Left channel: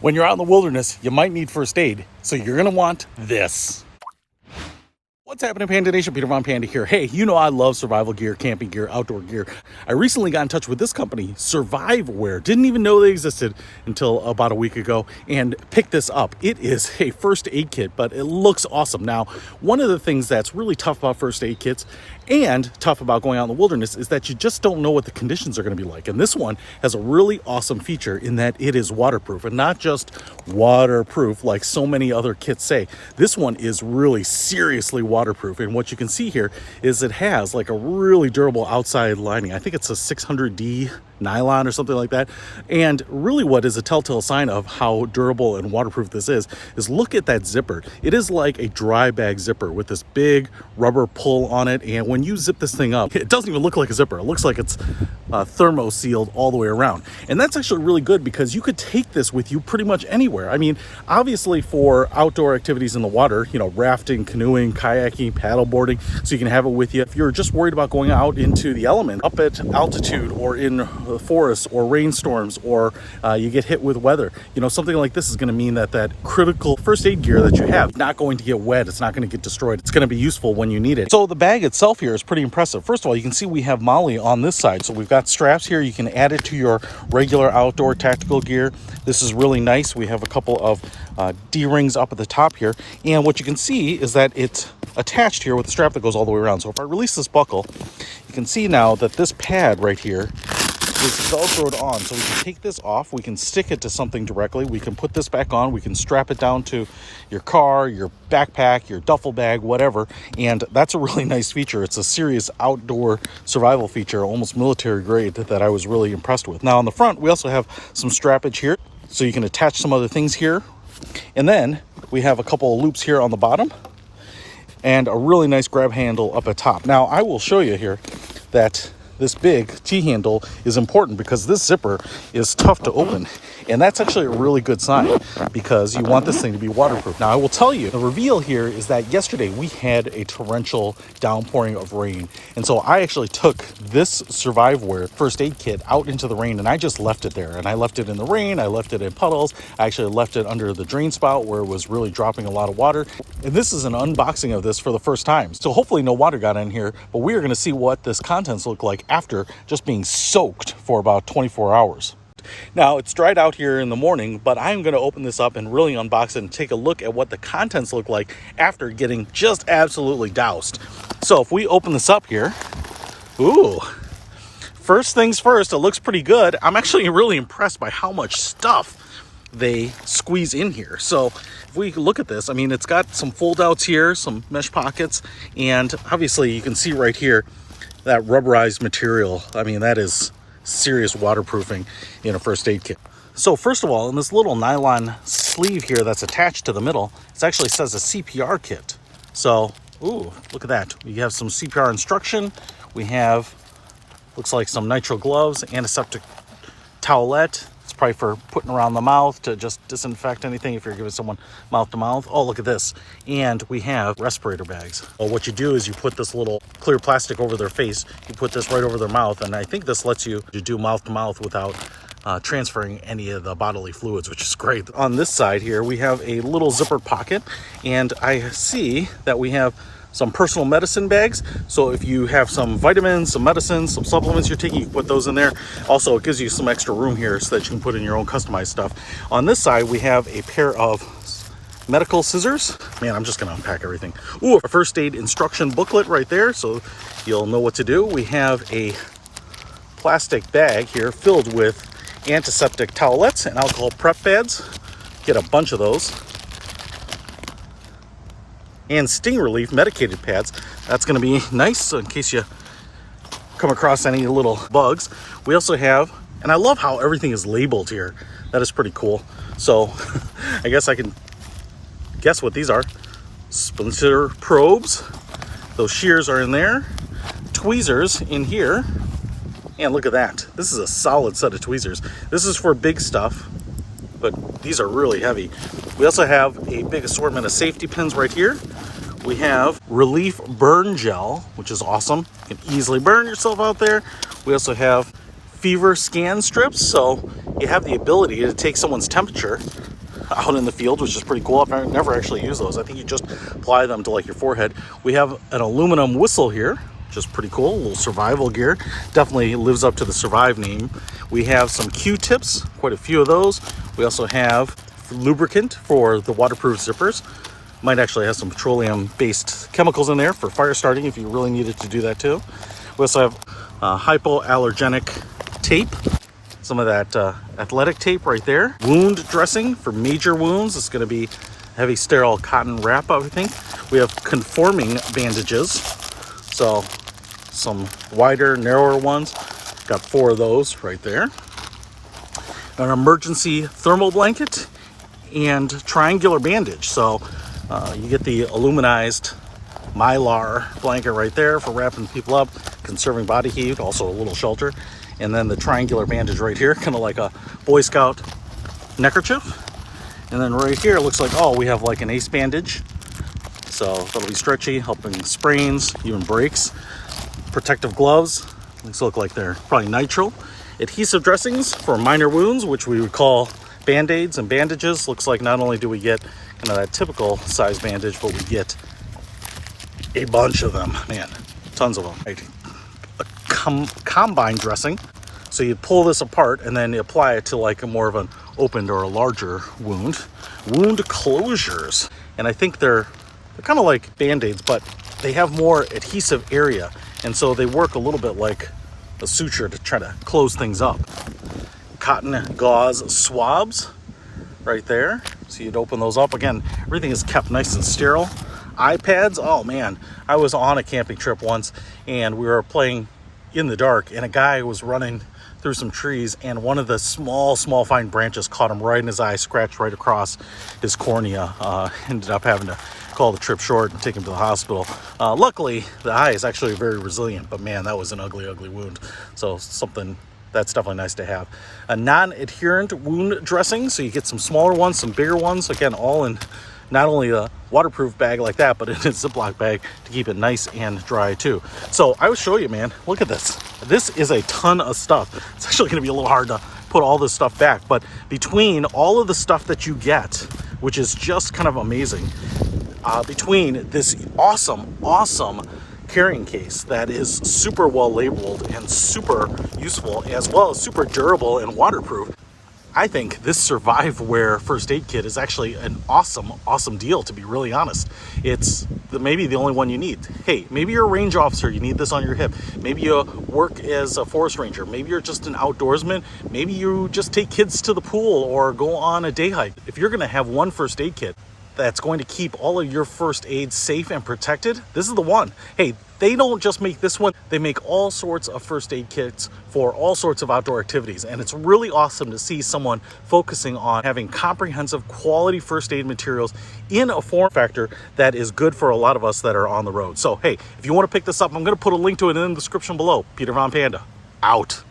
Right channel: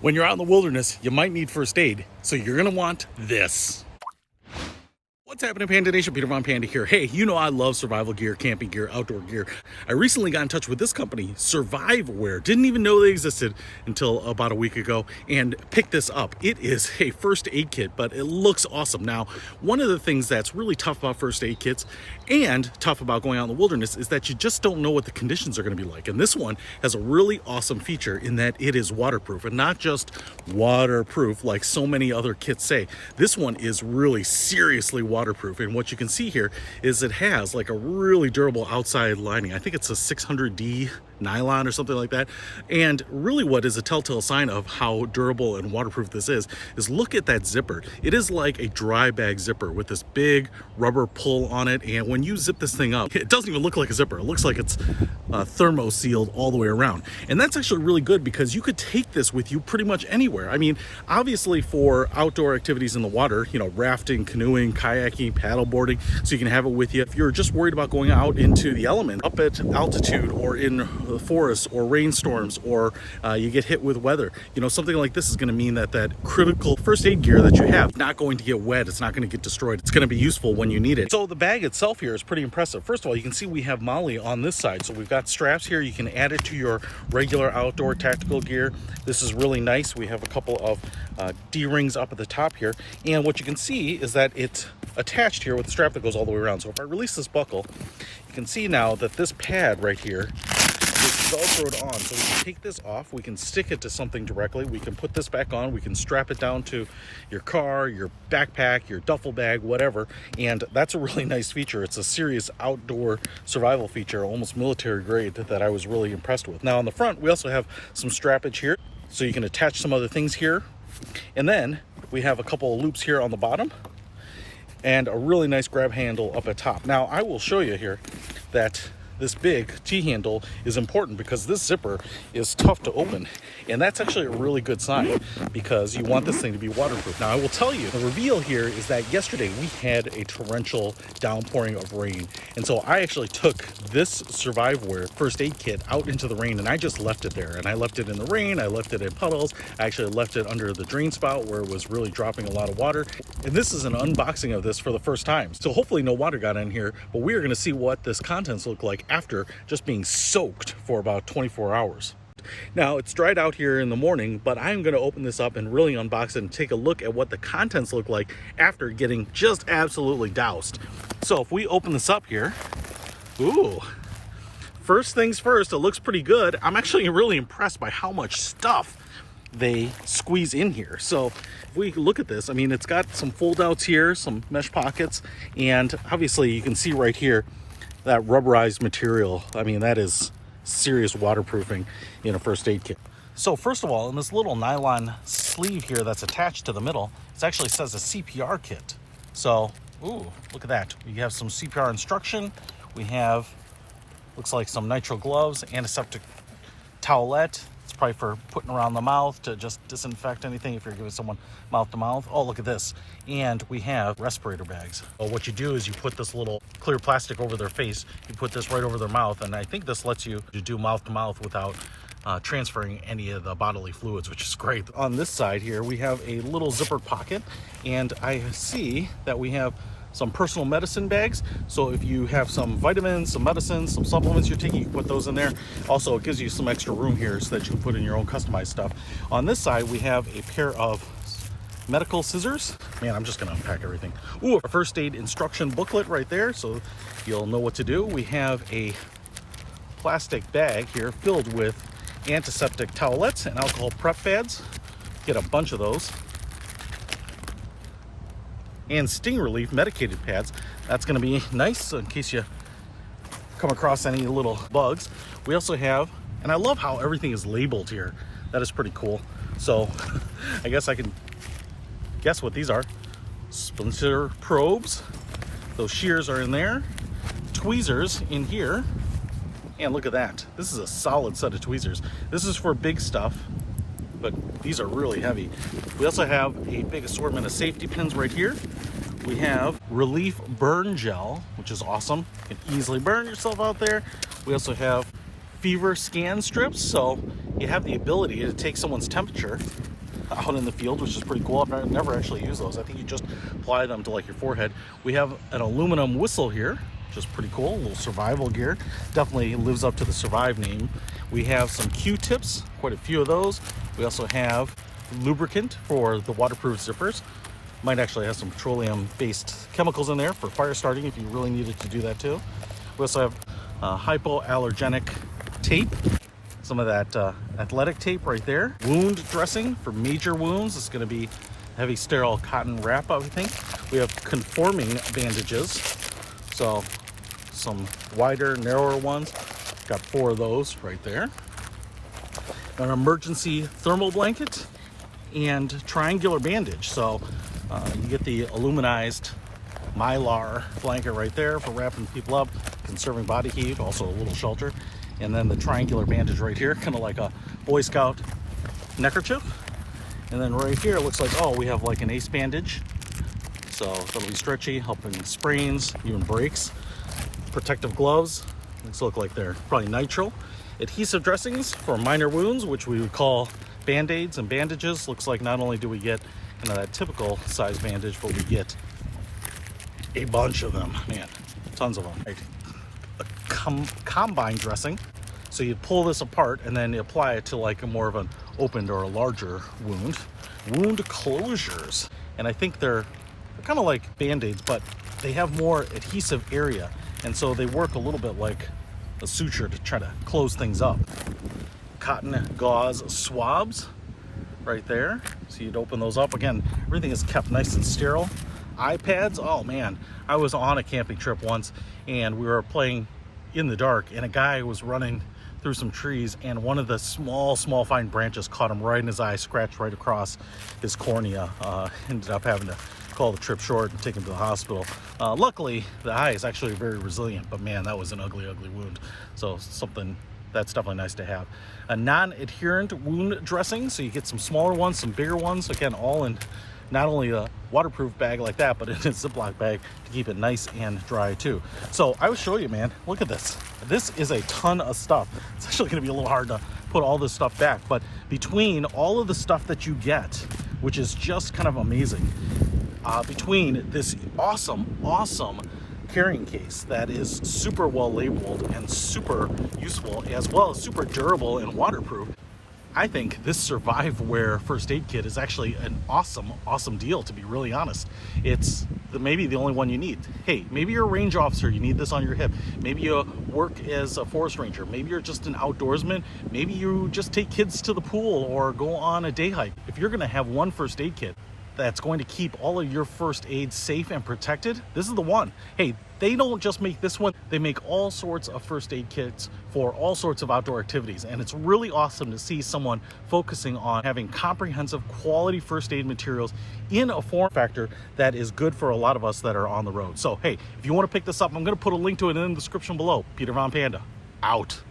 When you're out in the wilderness, you might need first aid, so you're gonna want this. What's happening, Panda Nation? Peter Von Panda here. Hey, you know I love survival gear, camping gear, outdoor gear. I recently got in touch with this company, Surviveware. Didn't even know they existed until about a week ago, and picked this up. It is a first aid kit, but it looks awesome. Now, one of the things that's really tough about first aid kits and tough about going out in the wilderness is that you just don't know what the conditions are going to be like. And this one has a really awesome feature in that it is waterproof, and not just waterproof like so many other kits say. This one is really seriously waterproof, and what you can see here is it has like a really durable outside lining. I think it's a 600D nylon or something like that. And really what is a telltale sign of how durable and waterproof this is look at that zipper. It is like a dry bag zipper with this big rubber pull on it, and when you zip this thing up, it doesn't even look like a zipper. It looks like it's thermo sealed all the way around. And that's actually really good because you could take this with you pretty much anywhere. I mean, obviously for outdoor activities in the water, you know, rafting, canoeing, kayaking, paddleboarding, so you can have it with you. If you're just worried about going out into the element, up at altitude or in the forest or rainstorms, or you get hit with weather, you know, something like this is going to mean that that critical first aid gear that you have is not going to get wet. It's not going to get destroyed. It's going to be useful when you need it. So the bag itself here is pretty impressive. First of all, you can see we have Molly on this side. So we've got straps here. You can add it to your regular outdoor tactical gear. This is really nice. We have a couple of D-rings up at the top here. And what you can see is that it's attached here with a strap that goes all the way around. So if I release this buckle, you can see now that this pad right here is velcroed on, so we can take this off, we can stick it to something directly, we can put this back on, we can strap it down to your car, your backpack, your duffel bag, whatever. And that's a really nice feature. It's a serious outdoor survival feature, almost military grade, that I was really impressed with. Now on the front, we also have some strappage here, so you can attach some other things here. And then we have a couple of loops here on the bottom and a really nice grab handle up at top. Now I will show you here that this big T-handle is important because this zipper is tough to open. And that's actually a really good sign because you want this thing to be waterproof. Now, I will tell you, the reveal here is that yesterday we had a torrential downpouring of rain. And so I actually took this Surviveware first aid kit out into the rain, and I just left it there. And I left it in the rain, I left it in puddles, I actually left it under the drain spout where it was really dropping a lot of water. And this is an unboxing of this for the first time. So hopefully no water got in here, but we're gonna see what this contents look like after just being soaked for about 24 hours. Now, it's dried out here in the morning, but I'm going to open this up and really unbox it and take a look at what the contents look like after getting just absolutely doused. So if we open this up here, ooh, first things first, it looks pretty good. I'm actually really impressed by how much stuff they squeeze in here. So if we look at this, I mean, it's got some fold outs here, some mesh pockets, and obviously you can see right here that rubberized material. I mean, that is serious waterproofing in a first aid kit. So first of all, in this little nylon sleeve here that's attached to the middle, it actually says a CPR kit. So, ooh, look at that. We have some CPR instruction. We have, looks like some nitrile gloves, antiseptic towelette. It's probably for putting around the mouth to just disinfect anything if you're giving someone mouth to mouth. Oh, look at this. And we have respirator bags. Well, what you do is you put this little clear plastic over their face. You put this right over their mouth. And I think this lets you do mouth to mouth without transferring any of the bodily fluids, which is great. On this side here, we have a little zippered pocket. And I see that we have some personal medicine bags. So if you have some vitamins, some medicines, some supplements you're taking, you can put those in there. Also, it gives you some extra room here so that you can put in your own customized stuff. On this side, we have a pair of medical scissors. Man, I'm just gonna unpack everything. Ooh, a first aid instruction booklet right there, so you'll know what to do. We have a plastic bag here filled with antiseptic towelettes and alcohol prep pads. Get a bunch of those. And sting relief medicated pads. That's going to be nice in case you come across any little bugs. We also have, and I love how everything is labeled here. That is pretty cool. So I guess I can guess what these are. Splinter probes. Those shears are in there. Tweezers in here. And look at that. This is a solid set of tweezers. This is for big stuff, but these are really heavy. We also have a big assortment of safety pins right here. We have relief burn gel, which is awesome. You can easily burn yourself out there. We also have fever scan strips, so you have the ability to take someone's temperature out in the field, which is pretty cool. I've never actually used those. I think you just apply them to like your forehead. We have an aluminum whistle here, which is pretty cool. A little survival gear. Definitely lives up to the Survive name. We have some Q-tips, quite a few of those. We also have lubricant for the waterproof zippers. Might actually have some petroleum-based chemicals in there for fire starting if you really needed to do that too. We also have hypoallergenic tape, some of that athletic tape right there. Wound dressing for major wounds. It's going to be heavy sterile cotton wrap, I think. We have conforming bandages, so some wider, narrower ones. Got 4 of those right there. An emergency thermal blanket and triangular bandage. So you get the aluminized mylar blanket right there for wrapping people up, conserving body heat, also a little shelter. And then the triangular bandage right here, kind of like a Boy Scout neckerchief. And then right here, it looks like, oh, we have like an ace bandage. So that'll be stretchy, helping sprains, even breaks. Protective gloves. These look like they're probably nitrile. Adhesive dressings for minor wounds, which we would call band-aids and bandages. Looks like not only do we get kind of that typical size bandage, but we get a bunch of them, man, tons of them. Right. A combine dressing, so you pull this apart and then you apply it to like a more of an opened or a larger wound. Wound closures, and I think they're kind of like band-aids, but they have more adhesive area, and so they work a little bit like a suture to try to close things up. Cotton gauze swabs right there, so you'd open those up. Again, everything is kept nice and sterile. iPads, oh man, I was on a camping trip once and we were playing in the dark and a guy was running through some trees and one of the small fine branches caught him right in his eye, scratched right across his cornea. Ended up having to call the trip short and take him to the hospital. Luckily, the eye is actually very resilient, but man, that was an ugly wound. So something that's definitely nice to have. A non-adherent wound dressing, so you get some smaller ones, some bigger ones, again, all in not only a waterproof bag like that, but in a Ziploc bag to keep it nice and dry too. So I will show you, man, look at this. This is a ton of stuff. It's actually gonna be a little hard to put all this stuff back, but between all of the stuff that you get, which is just kind of amazing, between this awesome carrying case that is super well labeled and super useful, as well as super durable and waterproof, I think this Surviveware first aid kit is actually an awesome deal, to be really honest. It's maybe the only one you need. Hey, maybe you're a range officer, you need this on your hip. Maybe you work as a forest ranger. Maybe you're just an outdoorsman. Maybe you just take kids to the pool or go on a day hike. If you're gonna have one first aid kit that's going to keep all of your first aid safe and protected, this is the one. Hey, they don't just make this one, they make all sorts of first aid kits for all sorts of outdoor activities. And it's really awesome to see someone focusing on having comprehensive quality first aid materials in a form factor that is good for a lot of us that are on the road. So hey, if you want to pick this up, I'm going to put a link to it in the description below. Peter Von Panda, out.